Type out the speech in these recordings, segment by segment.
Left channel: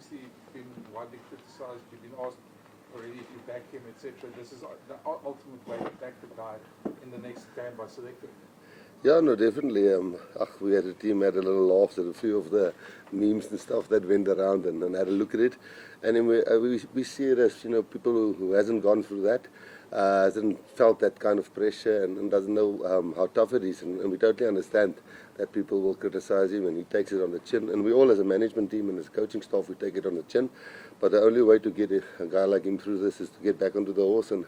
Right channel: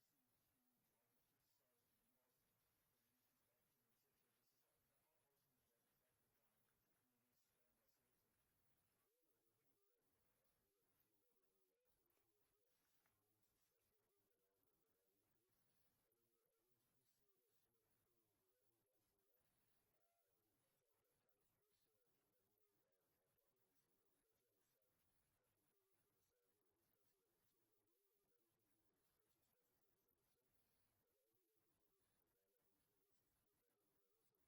obviously been widely criticised. You've been asked already if you back him, etc. This is the ultimate way to back the guy in the next game by selecting. Yeah, no, definitely. We had a team had a little laugh at a few of the memes and stuff that went around and had a look at it. And then we see it as, people who hasn't gone through that, hasn't felt that kind of pressure and doesn't know how tough it is. And we totally understand that people will criticize him and he takes it on the chin. And we all as a management team and as coaching staff, we take it on the chin. But the only way to get a guy like him through this is to get back onto the horse and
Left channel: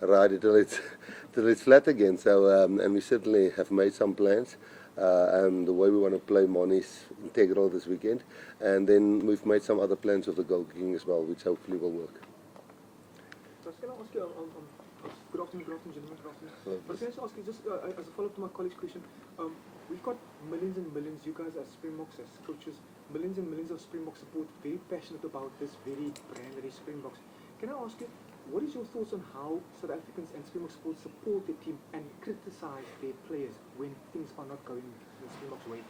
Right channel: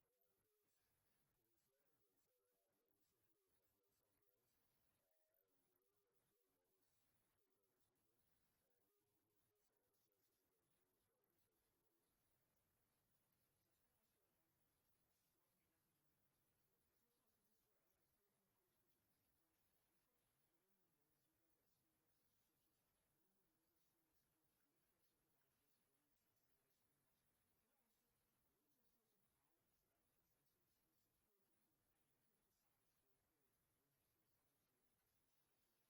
ride it till it's flat again. So and we certainly have made some plans, and the way we want to play Mon is integral this weekend, and then we've made some other plans of the goal kicking as well, which hopefully will work. So can I ask you, good afternoon, gentlemen, good afternoon. But can I just ask you, just as a follow-up to my colleague's question, we've got millions and millions, you guys as Springboks, as coaches, millions and millions of Springbok support, very passionate about this very brand that is Springboks. Can I ask you, what is your thoughts on how South Africans and Springbok support their team and criticize their players when things are not going the Springbok's way?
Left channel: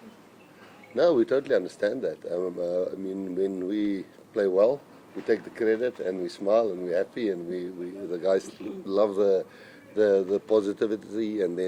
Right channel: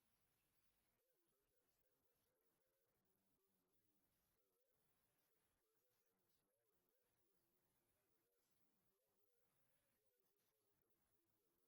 No, we totally understand that. I mean, when we play well, we take the credit and we smile and we're happy, and the guys love the positivity and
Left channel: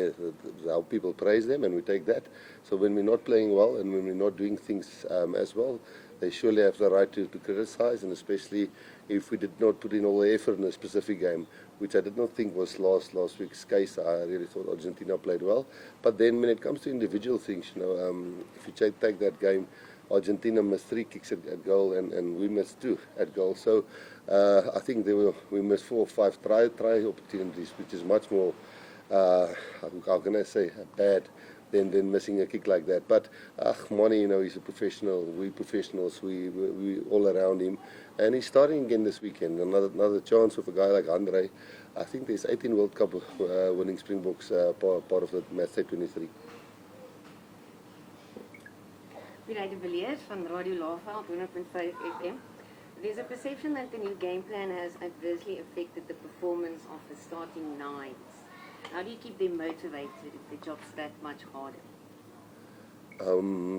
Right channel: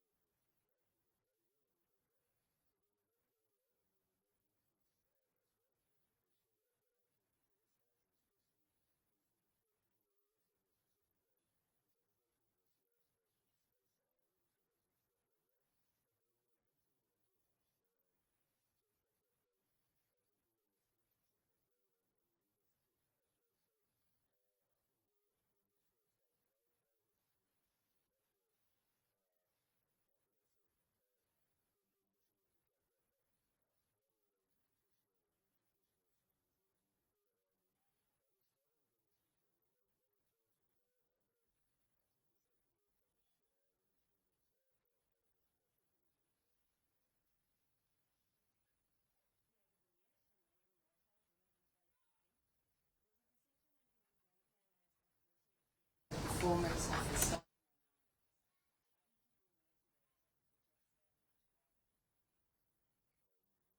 how people praise them, and we take that. So when we're not playing well and when we're not doing things as well, they surely have the right to criticize, and especially if we did not put in all the effort in a specific game, which I did not think was last week's case. I really thought Argentina played well. But then when it comes to individual things, if you take that game, Argentina missed 3 kicks at goal and we missed 2 at goal. So I think we missed 4 or 5 try opportunities, which is much more, how can I say, bad than missing a kick like that. But Moni, he's a professional. We professionals. We all around him, and he's starting again this weekend. Another chance with a guy like Andre. I think there's 18 World Cup winning Springboks part of the match day 23. Vireide Villiers van Radio Laveld 100.5 FM. There's a perception that the new game plan has adversely affected the performance of the starting nines. How do you keep them motivated if the job's that much harder?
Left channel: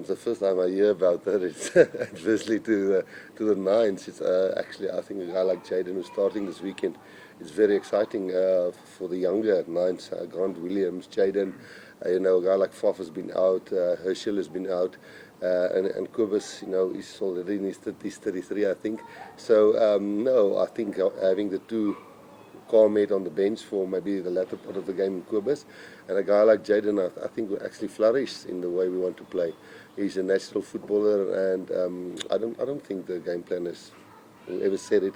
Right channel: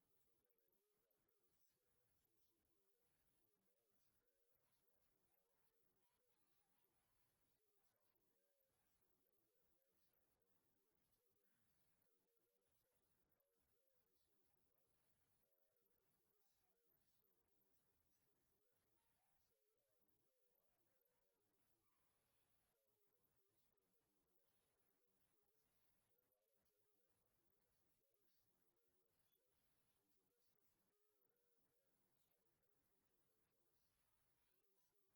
The first time I hear about that, it's adversely to the nines. It's actually, I think a guy like Jaden who's starting this weekend, it's very exciting for the younger nines. Grant Williams, Jaden, a guy like Faf has been out, Herschel has been out, and Kobus, he's already in his 33, I think. So no, I think having the 2 mate on the bench for maybe the latter part of the game in Kobus, and a guy like Jaden, I think will actually flourish in the way we want to play. He's a natural footballer, and I don't think the game plan is, whoever said it,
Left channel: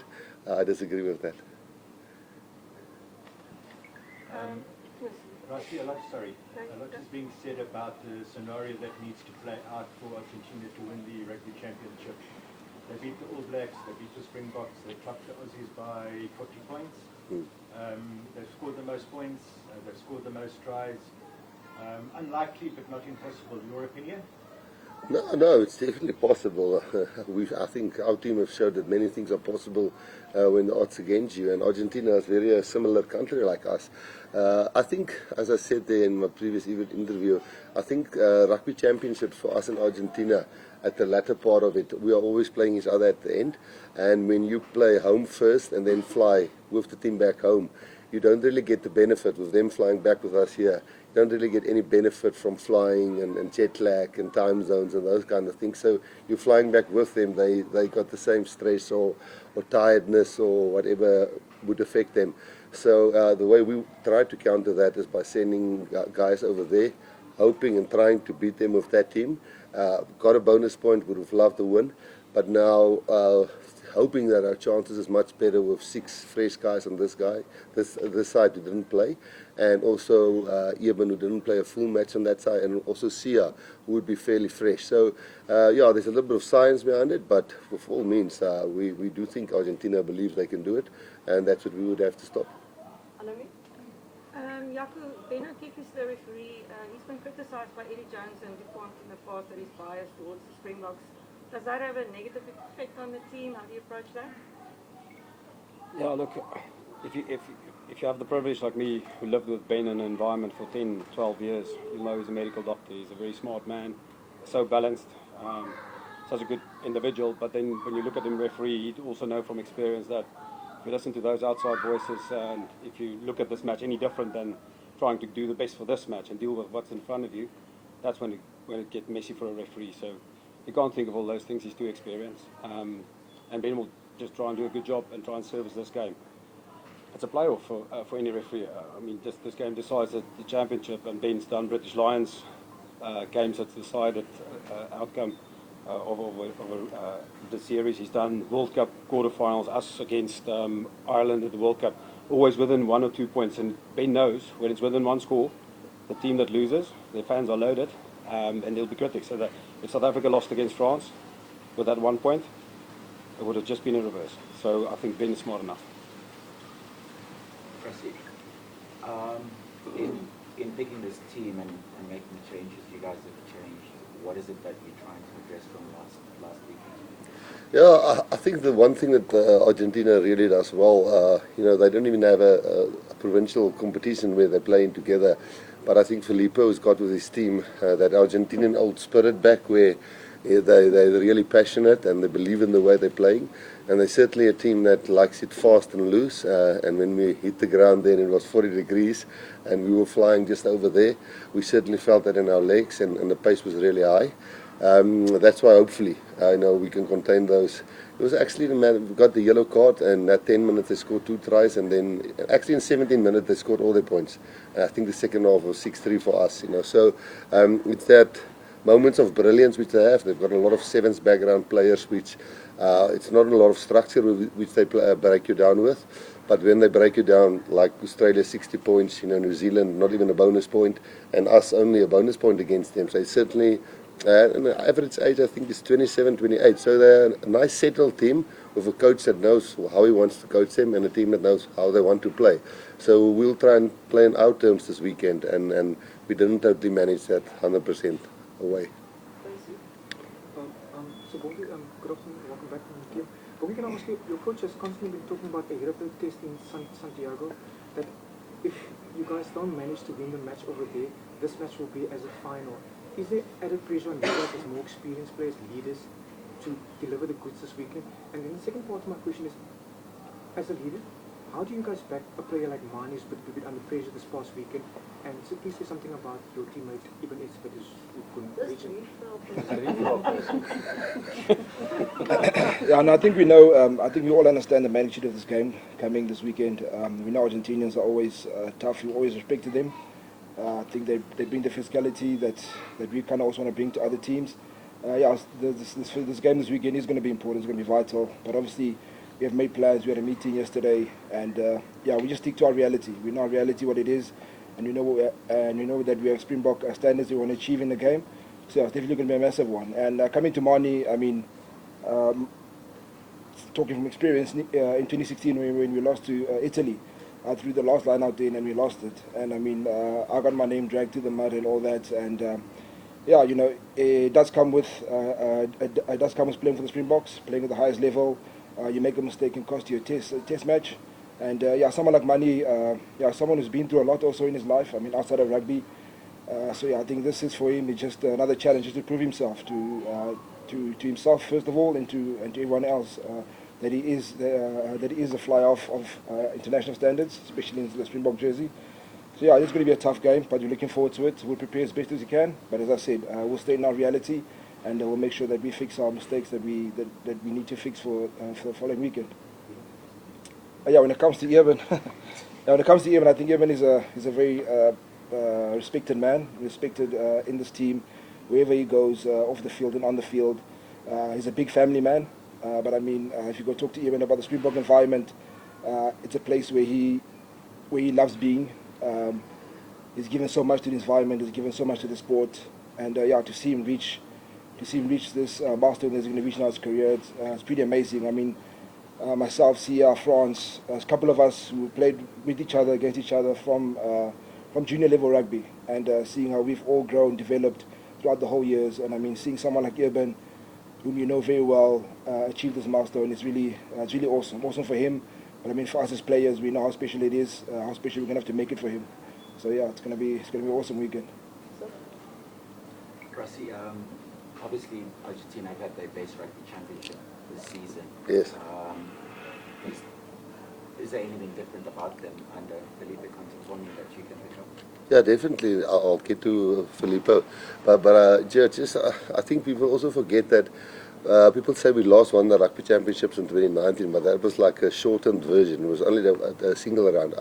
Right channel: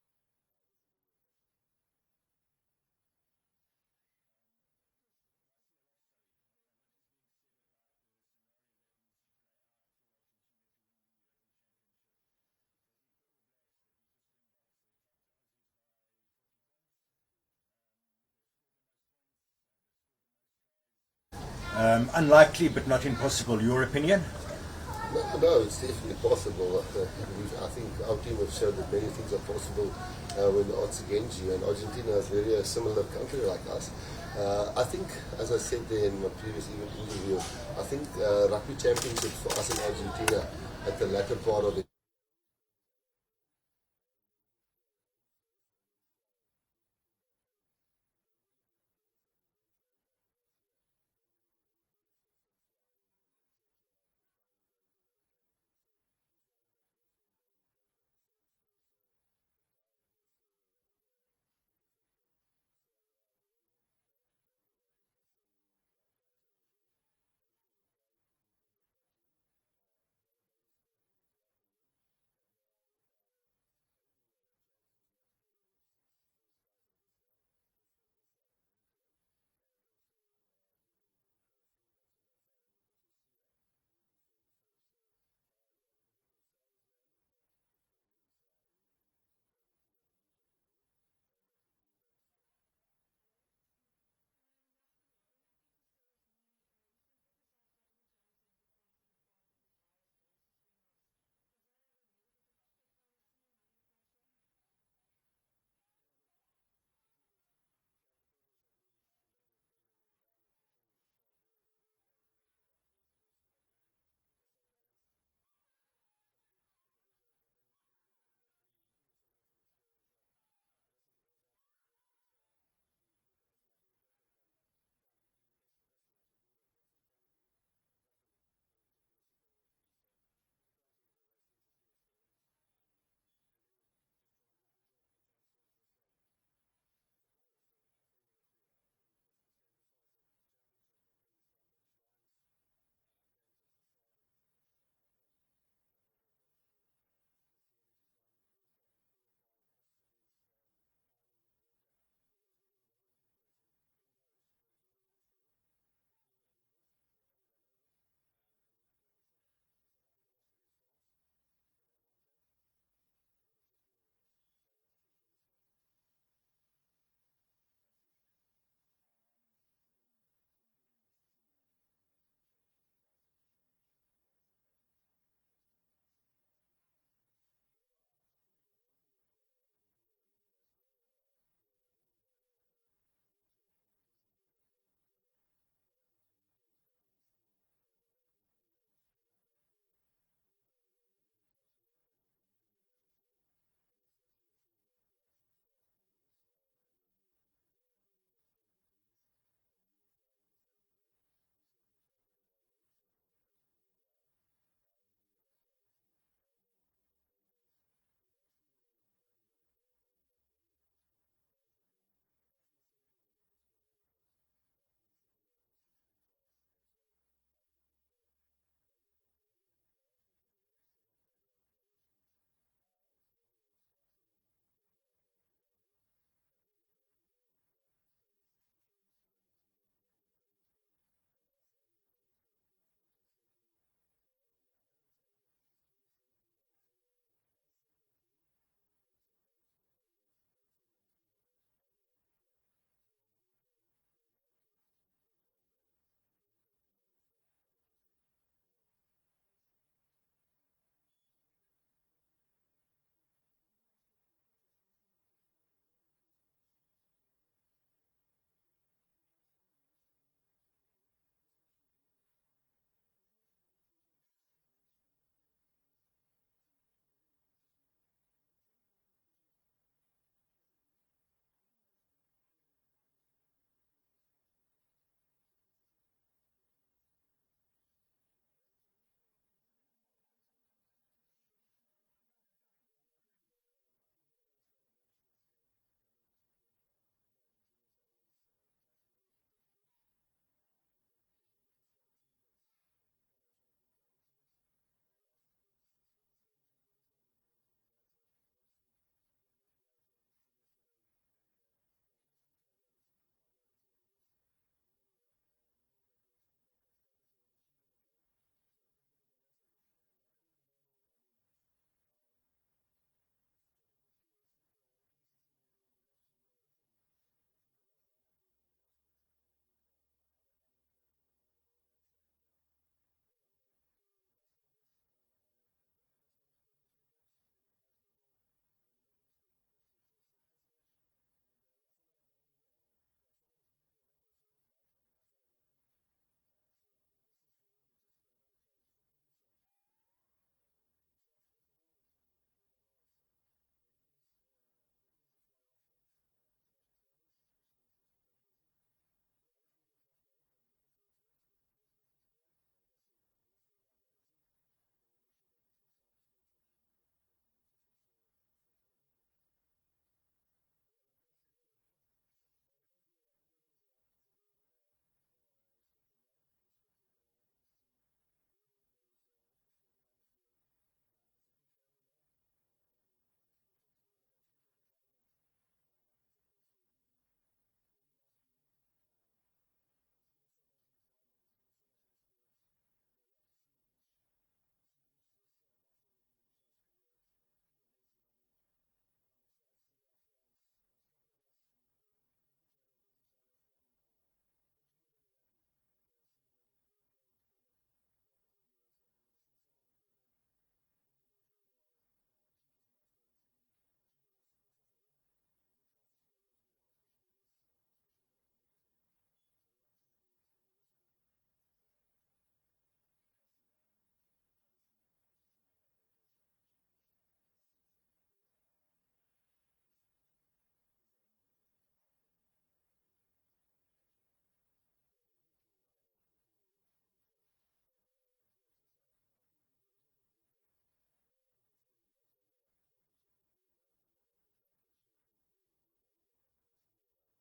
I disagree with that. Rassie, a lot is being said about the scenario that needs to play out for Argentina to win the Rugby Championship. They beat the All Blacks, they beat the Springboks, they topped the Aussies by 40 points. They've scored the most points, they've scored the most tries. Unlikely but not impossible, your opinion? No, it's definitely possible. I think our team have showed that many things are possible when the odds against you, and Argentina is very a similar country like us. I think, as I said there in my previous interview, I think Rugby Championships for us in Argentina, at the latter part of it, we are always playing each other at the end, and when you play home first and then fly with the team back home, you don't really get the benefit with them flying back with us here. You don't really get any benefit from flying and jet lag and time zones and those kind of things. So you're flying back with them, they got the same stress or tiredness or whatever would affect them. So the way we try to counter that is by sending guys over there, hoping and trying to beat them with that team. Got a bonus point, would have loved to win, but now hoping that our chances is much better with 6 fresh guys on this side who didn't play, and also Eben who didn't play a full match on that side, and also Sia who would be fairly fresh. So yeah, there's a little bit of science behind it, but with all means we do think Argentina believes they can do it, and that's what we would have to stop. Jaco, Ben O'Keefe is the referee. He's been criticised by Eddie Jones and DuPont in the past that he's biased towards the Springboks. Does that have a negative effect on the team? How do you approach that? Yeah, look, if you have the privilege like me, who lived with Ben in an environment for 10, 12 years, you know he's a medical doctor. He's a very smart man, so balanced. such a good individual, but then when you look at him referee, you also know from experience that if you listen to those outside voices, and if you look at this match any different than trying to do the best for this match and deal with what's in front of you, that's when it gets messy for a referee. So you can't think of all those things. He's too experienced, and Ben will just try and do a good job and try and service this game. It's a playoff for any referee. I mean, this game decides the championship, and Ben's done British Lions games that's decided outcome of the series. He's done World Cup quarterfinals, us against Ireland at the World Cup, always within 1 or 2 points. And Ben knows when it's within one score, the team that loses, their fans are loaded, and they'll be critics. So that if South Africa lost against France with that 1 point, it would have just been in reverse. So I think Ben is smart enough. In picking this team and making the changes you guys have changed, what is it that you're trying to address from last weekend? Yeah, I think the one thing that Argentina really does well, they don't even have a provincial competition where they're playing together. But I think Filippo's got with his team that Argentinian old spirit back where they're really passionate and they believe in the way they're playing. And they're certainly a team that likes it fast and loose. And when we hit the ground then it was 40 degrees and we were flying just over there. We certainly felt that in our legs and the pace was really high. That's why hopefully we can contain those. It was actually the man who got the yellow card, and at 10 minutes they scored 2 tries, and then actually in 17 minutes they scored all their points. And I think the second half was 6-3 for us. So it's that moments of brilliance which they have. They've got a lot of sevens background players, which it's not a lot of structure which they break you down with. But when they break you down, like Australia 60 points, New Zealand not even a bonus point, and us only a bonus point against them. So it's certainly. And the average age, I think, is 27, 28. So they're a nice settled team with a coach that knows how he wants to coach them and a team that knows how they want to play. So we'll try and play in our terms this weekend, and we didn't totally manage that 100% away. So Bobby, good afternoon, welcome back from the game. Bobby, can I ask you, your coach has constantly been talking about a European test in Santiago, that if you guys don't manage to win the match over there, this match will be as a final. Is there added pressure on you guys as more experienced players, leaders, to deliver the goods this weekend? And then the second part of my question is, as a leader, how do you guys back a player like Mane who's been a bit under pressure this past weekend? And so please say something about your teammate, Ibn Esbet, who couldn't reach him. Yeah, and I think we know, I think we all understand the magnitude of this game coming this weekend. We know Argentinians are always tough, we always respected them. I think they bring the physicality that we kind of also want to bring to other teams. This game this weekend is going to be important, it's going to be vital. But obviously, we have made plans, we had a meeting yesterday, and we just stick to our reality. We know our reality, what it is, and we know that we have Springbok standards we want to achieve in the game. So it's definitely going to be a massive one. And coming to Mane, I mean, talking from experience, in 2016 when we lost to Italy, I threw the last line out there and we lost it. And I mean, I got my name dragged through the mud and all that. And it does come with playing for the Springboks, playing at the highest level. You make a mistake and cost you a test match. And someone like Mane, someone who's been through a lot also in his life. I mean, outside of rugby. I think this is for him. It's just another challenge, just to prove himself to himself first of all, and to everyone else. That he is a fly-off of international standards, especially in the Springbok jersey. So it's going to be a tough game, but we're looking forward to it. We'll prepare as best as we can, but as I said, we'll stay in our reality, and we'll make sure that we fix our mistakes that we need to fix for the following weekend. When it comes to Evan, I think Evan is a very respected man, respected in this team, wherever he goes, off the field and on the field. He's a big family man. But I mean, if you go talk to Evan about the Springbok environment, it's a place where he loves being. He's given so much to the environment. He's given so much to the sport, and to see him reach this milestone that he's going to reach in his career, it's pretty amazing. I mean, myself, Sia, France, a couple of us who played with each other, against each other from junior level rugby, and seeing how we've all grown, developed throughout the whole years, and I mean, seeing someone like Evan, whom you know very well, achieve this milestone. It's really awesome. Awesome for him, but I mean for us as players, we know how special it is, how special we're gonna have to make it for him. So it's gonna be an awesome weekend. Rassie, obviously Argentina have had their base rugby championship this season. Yes. Is there anything different about them under Felipe Contemporaneous that you can pick up? Yeah, definitely. I'll get to Filippo. But just, I think people also forget that people say we won the rugby championships in 2019, but that was like a shortened version. It was only a single round.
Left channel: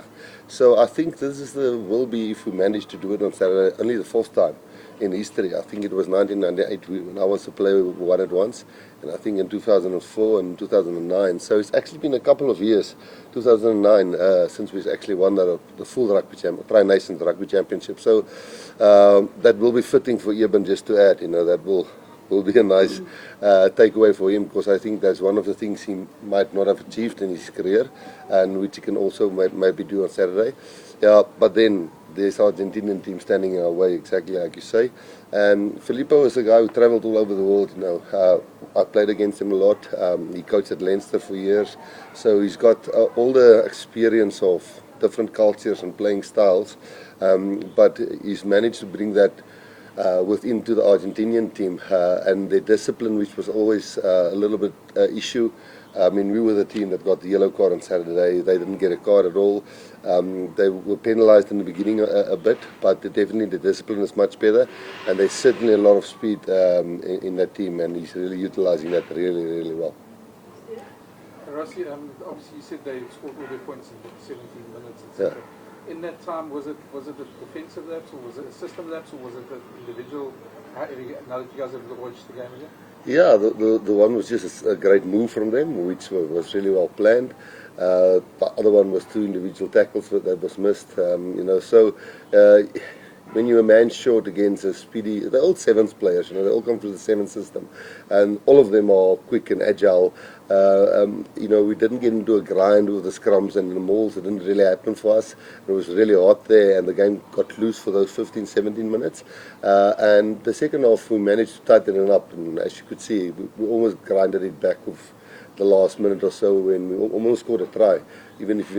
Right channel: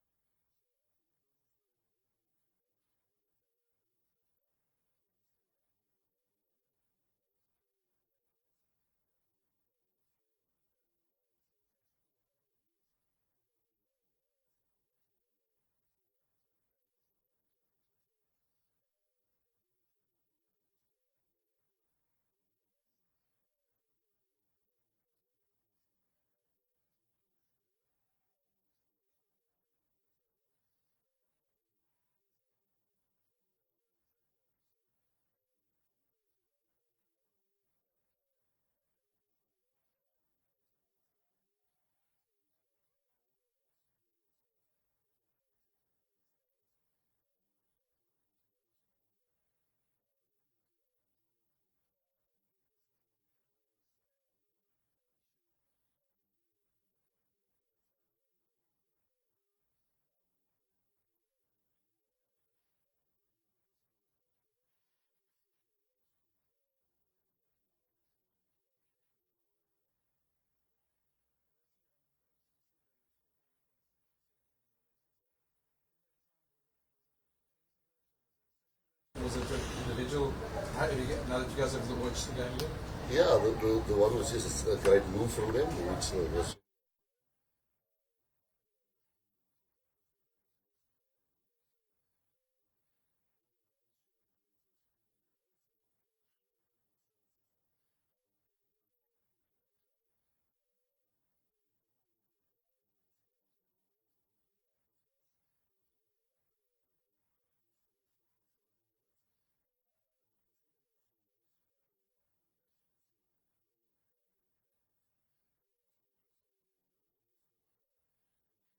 So I think this is will be, if we manage to do it on Saturday, only the fourth time in history. I think it was 1998 when I was a player who won it once, and I think in 2004 and 2009. So it's actually been a couple of years, 2009, since we've actually won the full Tri-Nations Rugby Championship. So that will be fitting for Eben just to add, that will be a nice takeaway for him, because I think that's one of the things he might not have achieved in his career, and which he can also maybe do on Saturday. Yeah, but then there's Argentinian team standing in our way, exactly like you say. And Filippo is a guy who travelled all over the world. I played against him a lot. He coached at Leinster for years, so he's got all the experience of different cultures and playing styles. But he's managed to bring that into the Argentinian team, and their discipline, which was always a little bit issue. I mean, we were the team that got the yellow card on Saturday. They didn't get a card at all. They were penalised in the beginning a bit, but definitely the discipline is much better, and there's certainly a lot of speed in that team, and he's really utilising that really, really well. Rassie, obviously you said they scored all their points in 17 minutes, etc. Yeah. In that time, was it a defensive lapse, or was it a system lapse, or was it an individual? Now that you guys have watched the game here? Yeah, the one was just a great move from them, which was really well planned. The other one was 2 individual tackles that was missed. So when you're a man short against a speedy, they're all sevens players. They all come from the seven system, and all of them are quick and agile. We didn't get into a grind with the scrums and the mauls. It didn't really happen for us. It was really hot there, and the game got loose for those 15, 17 minutes. And the second half, we managed to tighten it up, and as you could see, we almost grinded it back with the last minute or so when we almost scored a try. Even if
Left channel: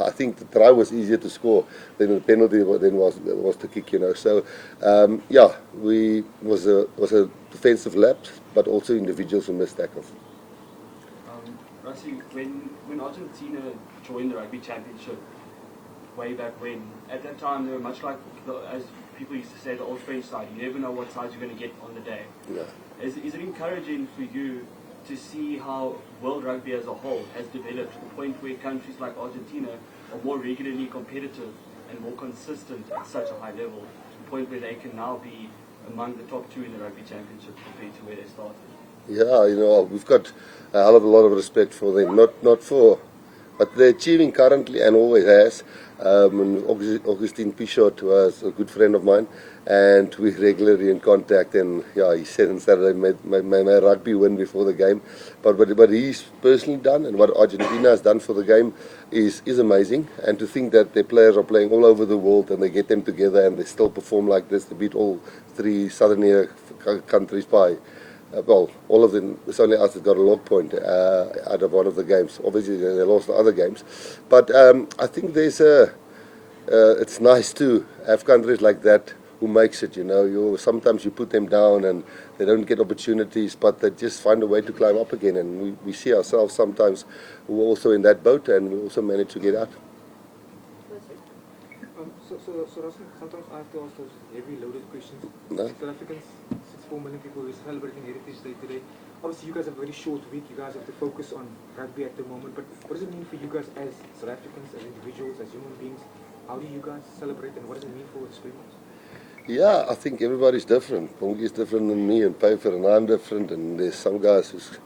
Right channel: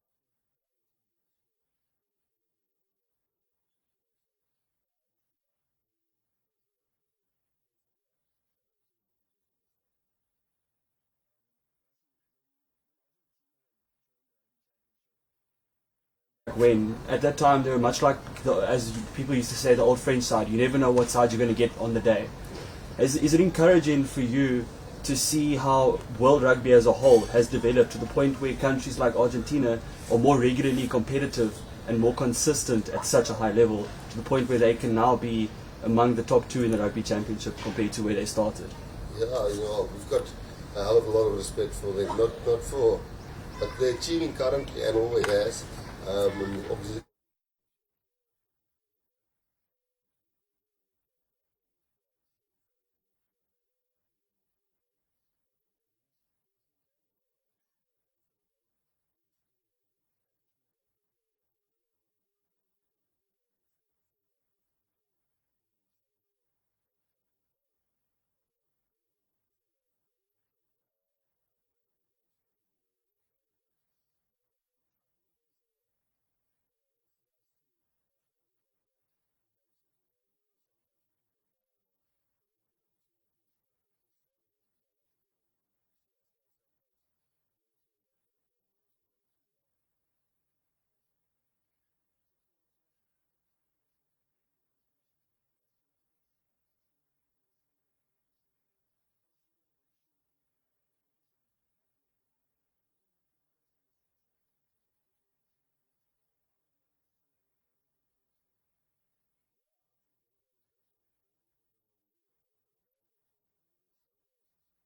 I think the try was easier to score than the penalty then was to kick. So was a defensive lapse, but also individuals who missed tackles. Rassie, when Argentina joined the Rugby Championship way back when, at that time they were much like, as people used to say, the old French side. You never know what side you're going to get on the day. Yeah. Is it encouraging for you to see how world rugby as a whole has developed to the point where countries like Argentina are more regularly competitive and more consistent at such a high level, to the point where they can now be among the top 2 in the Rugby Championship compared to where they started? Yeah, we've got a hell of a lot of respect for them, but they're achieving currently and always has. Augustine Pichot was a good friend of mine, and we're regularly in contact, and he said on Saturday, my rugby win before the game, but he's personally done, and what Argentina has done for the game is amazing. And to think that their players are playing all over the world, and they get them together and they still perform like this to beat all 3 southern countries by all of them. It's only us that got a log point out of one of the games. Obviously, they lost the other games. But I think it's nice to have countries like that who makes it. Sometimes you put them down and they don't get opportunities, but they just find a way to climb up again. And we see ourselves sometimes we're also in that boat, and we also manage to get out. So Rassie, sometimes I have to ask those heavy loaded questions. No? South Africans, 64 million people who are celebrating Heritage Day today. Obviously, you guys have a very short week. You guys have to focus on rugby at the moment. But what does it mean for you guys as South Africans, as individuals, as human beings? How do you guys celebrate, and what does it mean for the Springboks? Yeah, I think everybody's different. Pongi's different than me, and Pfeiffer and I'm different, and there's some guys who's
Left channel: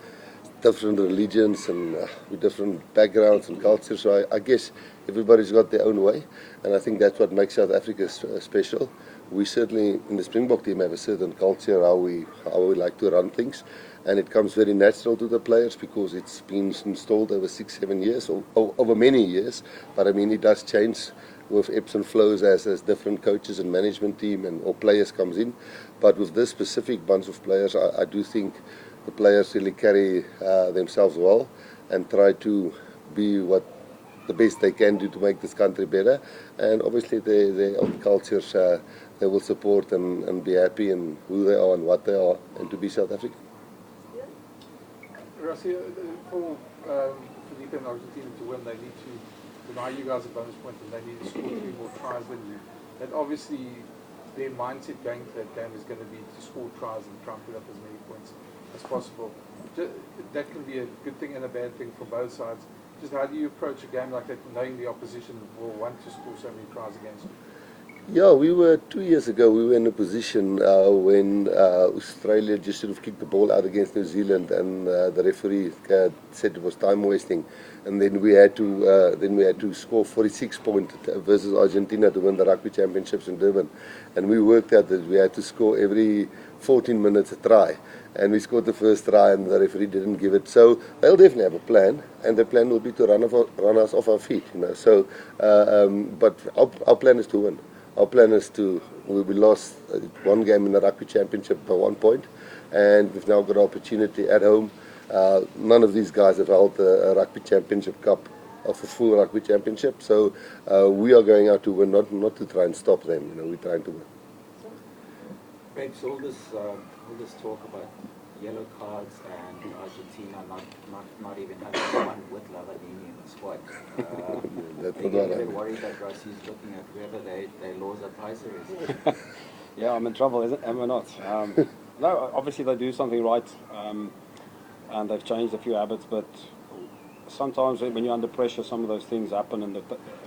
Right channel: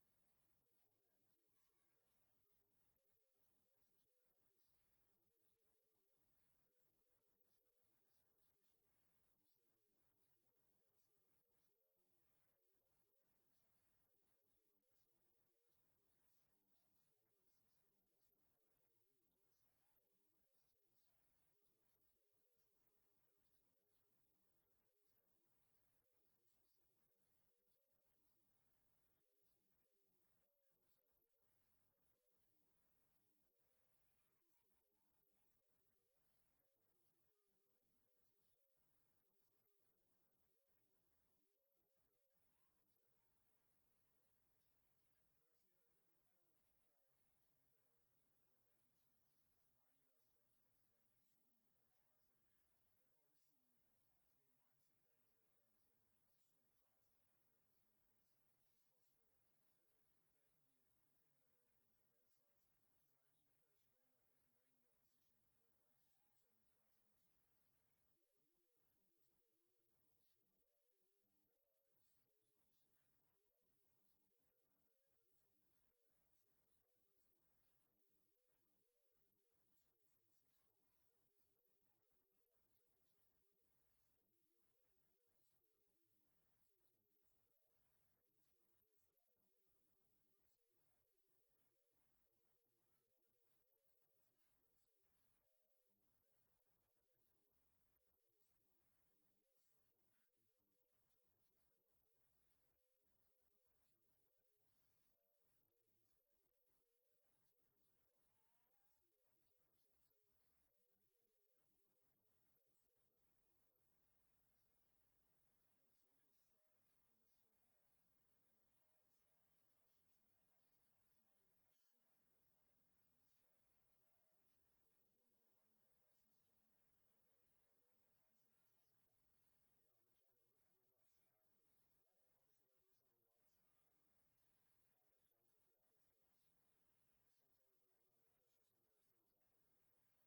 different religions and with different backgrounds and cultures. So I guess everybody's got their own way, and I think that's what makes South Africa special. We certainly in the Springbok team have a certain culture how we like to run things, and it comes very natural to the players because it's been installed over 6-7 years, or over many years. But I mean, it does change with ebbs and flows as different coaches and management team or players comes in. But with this specific bunch of players, I do think the players really carry themselves well and try to be the best they can do to make this country better. And obviously their own cultures, they will support and be happy in who they are and what they are, and to be South African. Rassie, for Felipe and Argentina to win, they need to deny you guys a bonus point, and they need to score 3 more tries than you. And obviously, their mindset going to that game is going to be to score tries and try and put up as many points as possible. That can be a good thing and a bad thing for both sides. Just how do you approach a game like that, knowing the opposition will want to score so many tries against you? Yeah, we were 2 years ago. We were in a position when Australia just sort of kicked the ball out against New Zealand, and the referee said it was time wasting, and then we had to score 46 points versus Argentina to win the Rugby Championships in Durban, and we worked out that we had to score every 14 minutes a try, and we scored the first try, and the referee didn't give it. So they'll definitely have a plan, and the plan will be to run us off our feet, you know. So, but our plan is to win. Our plan is we lost 1 game in the Rugby Championship by 1 point, and we've now got an opportunity at home. None of these guys have held a Rugby Championship Cup of a full Rugby Championship, so we are going out to win, not to try and stop them. You know, we're trying to win. Babes, all this talk about yellow cards and Argentina not even having one with Lavadini in the squad. Are you a bit worried that Rossie's looking at whether their laws apply seriously? Yeah, I'm in trouble, am I not? No, obviously they do something right, and they've changed a few habits, but sometimes when you're under pressure, some of those things happen, and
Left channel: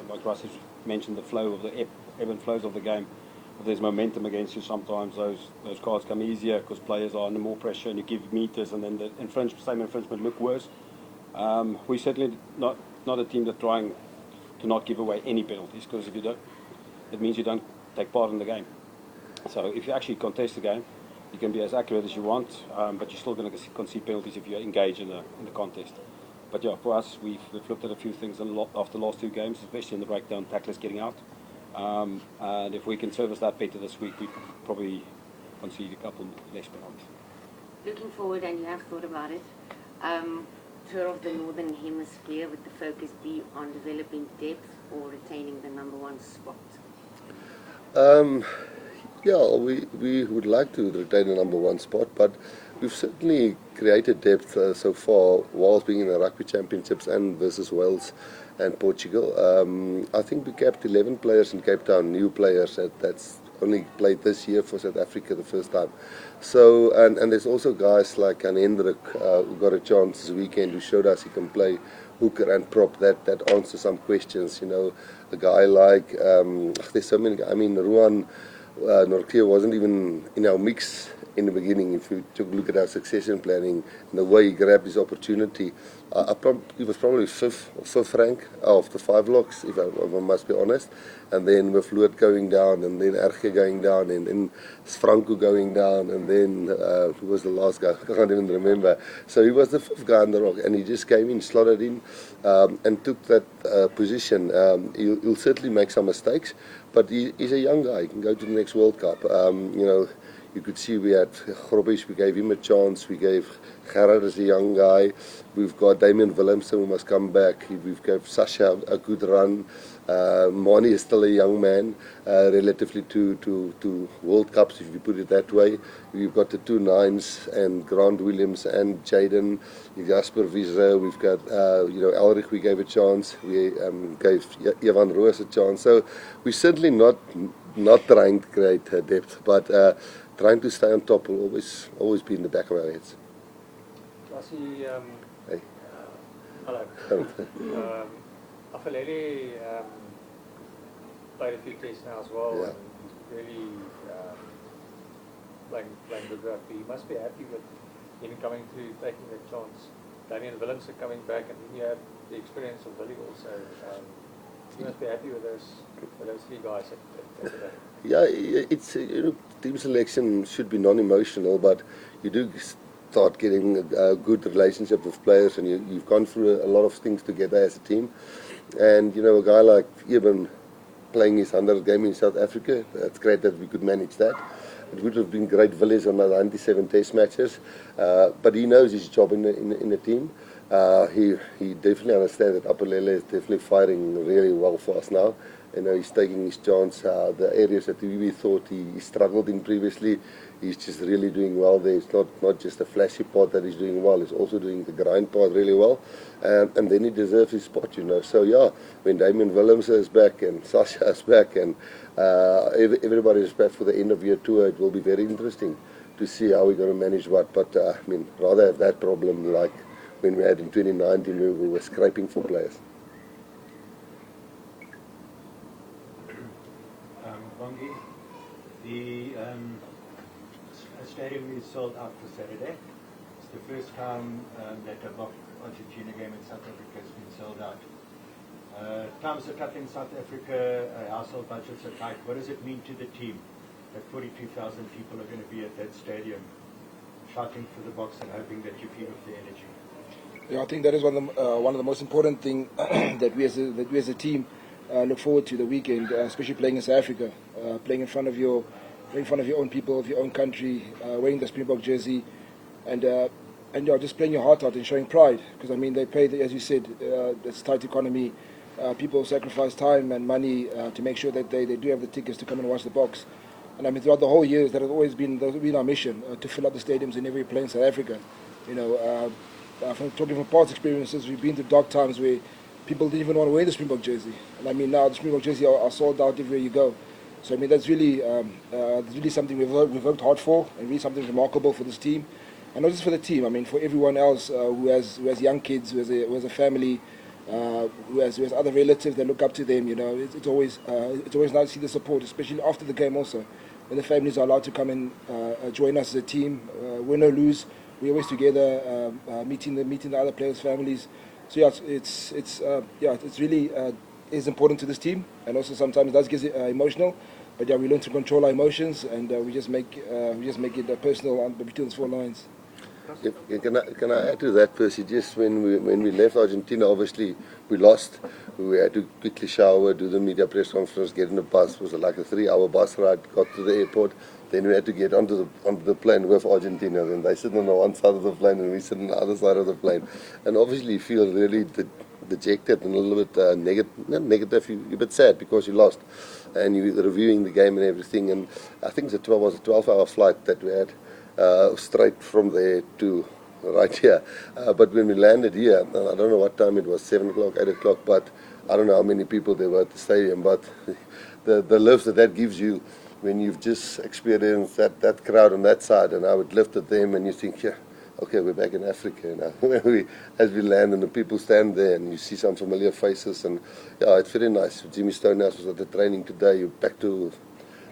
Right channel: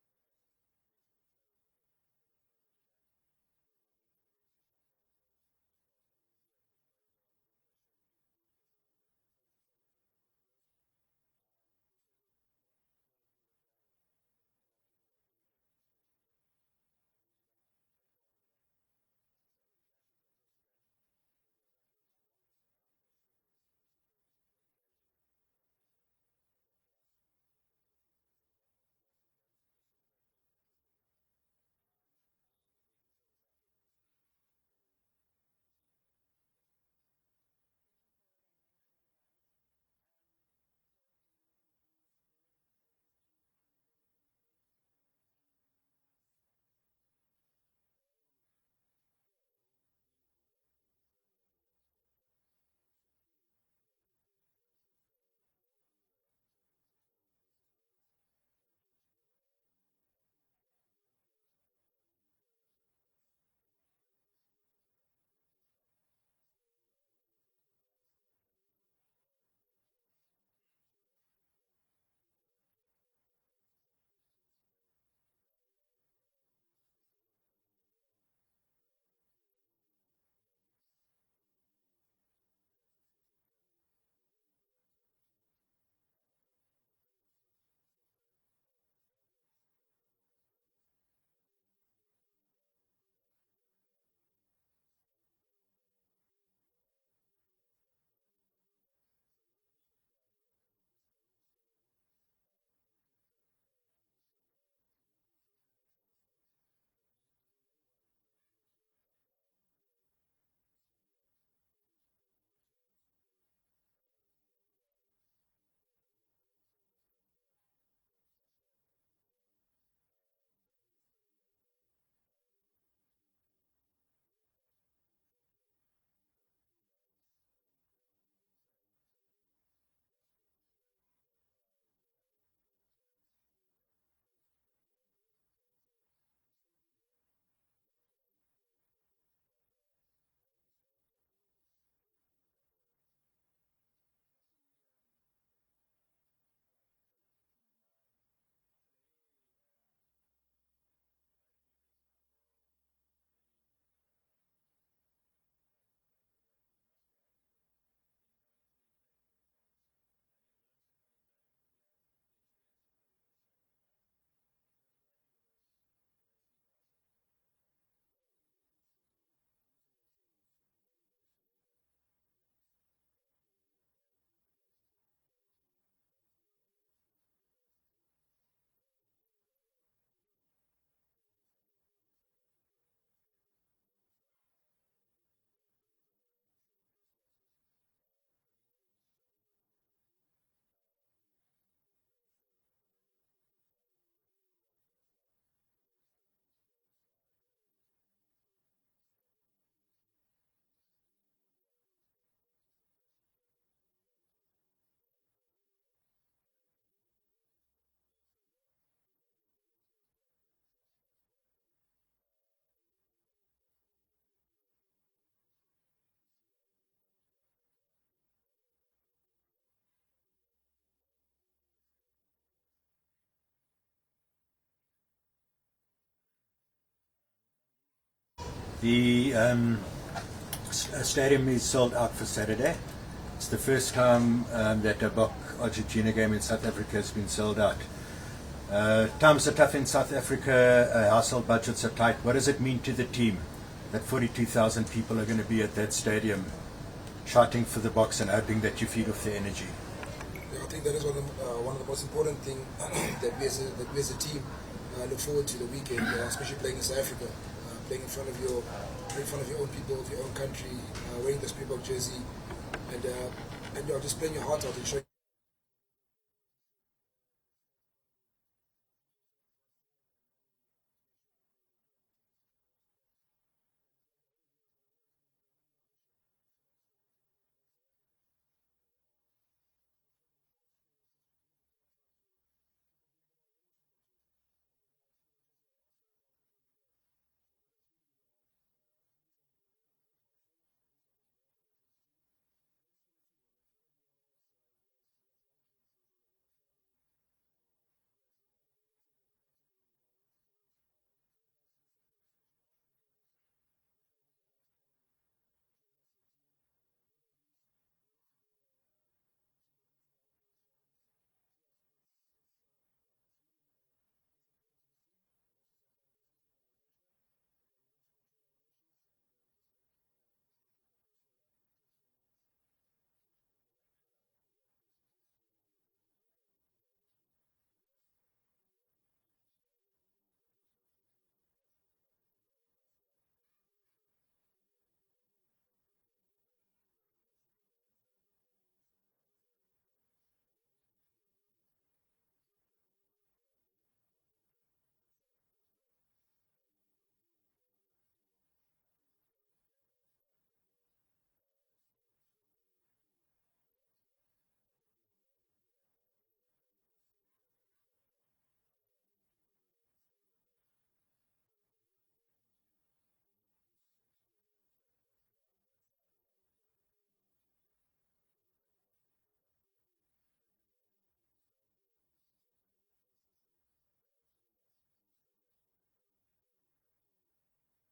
like Rassie mentioned, the flow of the ebb and flows of the game. If there's momentum against you, sometimes those cards come easier because players are under more pressure, and you give meters, and then the same infringement look worse. We're certainly not a team that's trying to not give away any penalties, because if you don't, it means you don't take part in the game. So if you actually contest the game, you can be as accurate as you want, but you're still going to concede penalties if you engage in the contest. But yeah, for us, we've looked at a few things after the last 2 games, especially in the breakdown, tacklers getting out. And if we can service that better this week, we probably concede a couple less penalties. Looking forward, and you have thought about it, tour of the Northern Hemisphere, would the focus be on developing depth or retaining the #1 spot? Yeah, we would like to retain the #1 spot, but we've certainly created depth so far whilst being in the Rugby Championships and versus Wales and Portugal. I think we kept 11 players in Cape Town, new players that's only played this year for South Africa the first time. So, and there's also guys like Hendrik who got a chance this weekend, who showed us he can play hooker and prop. That answers some questions, you know. A guy like, there's so many, I mean, Ruan Nortier wasn't even in our mix in the beginning. If you took a look at our succession planning and the way he grabbed his opportunity, he was probably fifth rank of the 5 locks, if I must be honest. And then with Floyd going down, and then Erge going down, and then Franco going down, and then who was the last guy? I can't even remember. So he was the 5th guy on the rock, and he just came in, slotted in, and took that position. He'll certainly make some mistakes, but he's a young guy. He can go to the next World Cup. You know, you could see we had Grobbies, we gave him a chance. We gave Gerard as a young guy. We've got Damian Willemsen who must come back. We've gave Sasha a good run. Mani is still a young man, relatively to World Cups, if you put it that way. We've got the 2 9s and Grant Williams and Jaden, Jasper Wiesre. We've got, you know, Elrich we gave a chance. We gave Evan Roos a chance. So we're certainly not trying to create depth, but trying to stay on top will always be in the back of our heads. Rassie, Hey. hello. Afalele played a few tests now as well, Yeah. and he's really playing good rugby. He must be happy with him coming through, taking the chance. Damian Willemsen coming back, and then you have the experience of Billy also. He must be happy with those 3 guys at the back. Yeah, it's you know, team selection should be non-emotional, but you do start getting a good relationship with players, and you've gone through a lot of things together as a team. And you know, a guy like Eben playing his 100th game in South Africa, that's great that we could manage that. It would have been great Villiers on the 97 test matches, but he knows his job in the team. He definitely understands that Apelele is definitely fighting really well for us now, You know, he's taking his chance. The areas that we thought he struggled in previously, he's just really doing well there. It's not just a flashy part that he's doing well, he's also doing the grind part really well. And then he deserves his spot, you know. So yeah, when Damien Willems is back and Sasha is back and everybody is back for the end of year tour, it will be very interesting to see how we're going to manage what. But I mean, rather have that problem like when we had in 2019 where we were scraping for players. The stadium is sold out for Saturday. It's the first time that a Bok Argentina game in South Africa has been sold out. Times are tough in South Africa, household budgets are tight. What does it mean to the team that 42,000 people are going to be at that stadium shouting for the Boks and hoping that you feed off their energy? Yeah, I think that is one of the most important things that we as a team look forward to the weekend, especially playing in South Africa, playing in front of your own people, of your own country, wearing the Springbok jersey, and just playing your heart out and showing pride. Because I mean, they pay, as you said, it's a tight economy. People sacrifice time and money to make sure that they do have the tickets to come and watch the Boks. And I mean, throughout the whole year, that has always been our mission to fill up the stadiums in every place in South Africa. You know, talking from past experiences, we've been to dark times where people didn't even want to wear the Springbok jersey. And I mean, now the Springbok jersey are sold out everywhere you go. So I mean, that's really something we've worked hard for, and really something remarkable for this team, and not just for the team. I mean, for everyone else who has young kids, who has a family, who has other relatives that look up to them. You know, it's always nice to see the support, especially after the game. Also, when the families are allowed to come and join us as a team, win or lose, we're always together, meeting the other players' families. So yeah, it's really is important to this team, and also sometimes it does get emotional. But yeah, we learn to control our emotions, and we just make it personal between the four lines. Yeah, can I add to that, Percy? Just when we left Argentina, obviously we lost. We had to quickly shower, do the media press conference, get in the bus. It was like a 3-hour bus ride. Got to the airport. Then we had to get onto the plane with Argentina. And they sit on the one side of the plane, and we sit on the other side of the plane. And obviously you feel really dejected and a little bit not negative. You're a bit sad because you lost, and you're reviewing the game and everything. And I think it was a 12-hour flight that we had straight from there to right here. But when we landed here, I don't know what time it was, 7 o'clock, 8 o'clock, but I don't know how many people there were at the stadium. But the lift that gives you when you've just experienced that crowd on that side, and how it lifted them, and you think, yeah, okay, we're back in Africa now. As we land and the people stand there and you see some familiar faces, and yeah, it's very nice. Jimmy Stonehouse was at the training today. You're back to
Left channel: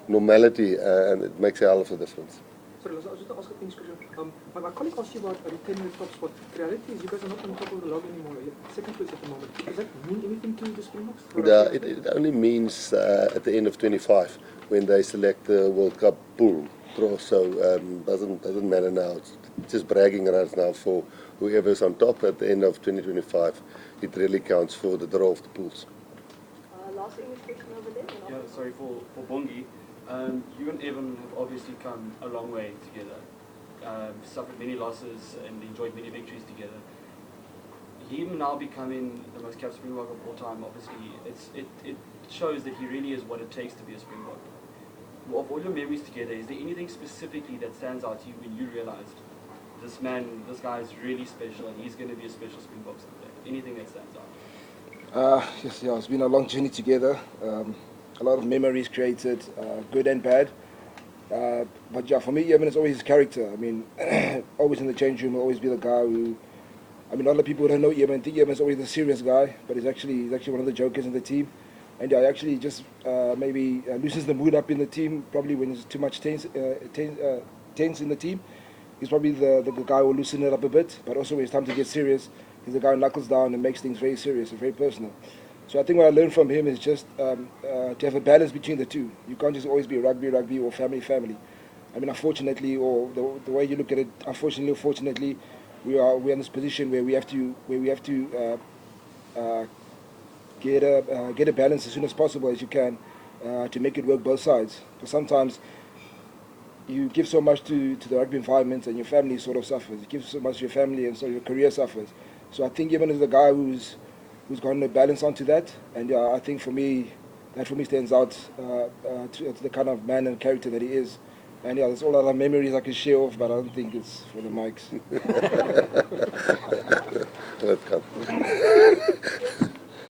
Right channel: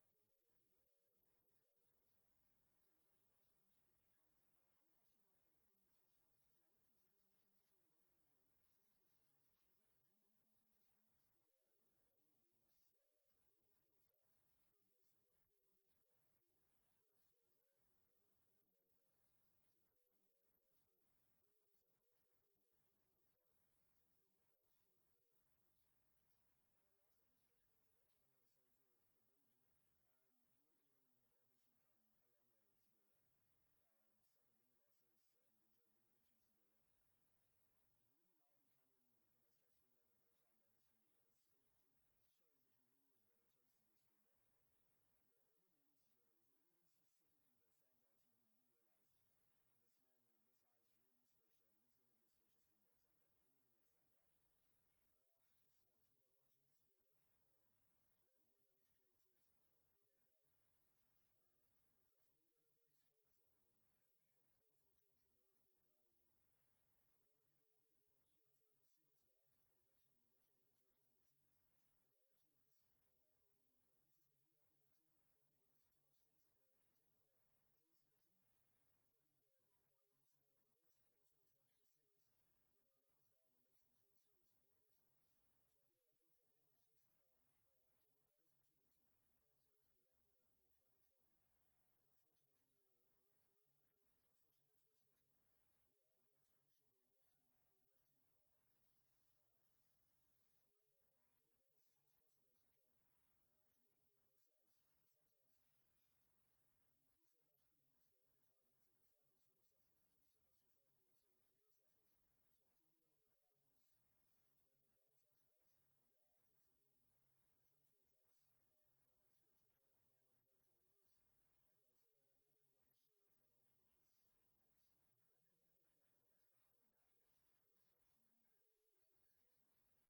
normality, and it makes a hell of a difference. Sorry, I was just asking a question. My colleague asked you about retaining the top spot. The reality is you guys are not on top of the log anymore. You're second place at the moment. Does that mean anything to the Springboks? It only means at the end of 25 when they select the World Cup pool draw. So doesn't matter now. It's just bragging rights now for whoever's on top at the end of 2025. It really counts for the draw of the pools. Last English question over there. Yeah, sorry for Bongi. You and Evan have obviously come a long way together. Suffered many losses and enjoyed many victories together. Him now becoming the most capped Springbok of all time, obviously, it shows that he really is what it takes to be a Springbok. Of all your memories together, is there anything specifically that stands out to you when you realized this guy is really special and he's going to be a special Springbok someday? Anything that stands out? Yes, yeah, it's been a long journey together. A lot of memories created, good and bad. But yeah, for me, Evan is always his character. I mean, always in the change room, will always be the guy who. I mean, a lot of people don't know Evan. Think Evan is always the serious guy, but he's actually one of the jokers in the team. And yeah, actually just maybe loosens the mood up in the team. Probably when there's too much tense in the team, he's probably the guy who will loosen it up a bit. But also when it's time to get serious, he's the guy who knuckles down and makes things very serious and very personal. So I think what I learned from him is just to have a balance between the two. You can't just always be rugby or family. I mean, unfortunately, or the way you look at it, unfortunately or fortunately, we're in this position where we have to get a balance as soon as possible as you can to make it work both sides. Because sometimes you give so much to the rugby environment and your family sort of suffers. You give so much to your family and so your career suffers. So I think Evan is the guy who's gotten a balance onto that. And I think for me, that for me stands out to the kind of man and character that he is. And yeah, there's all other memories I can share off, but I don't think it's for the mics. Let's come.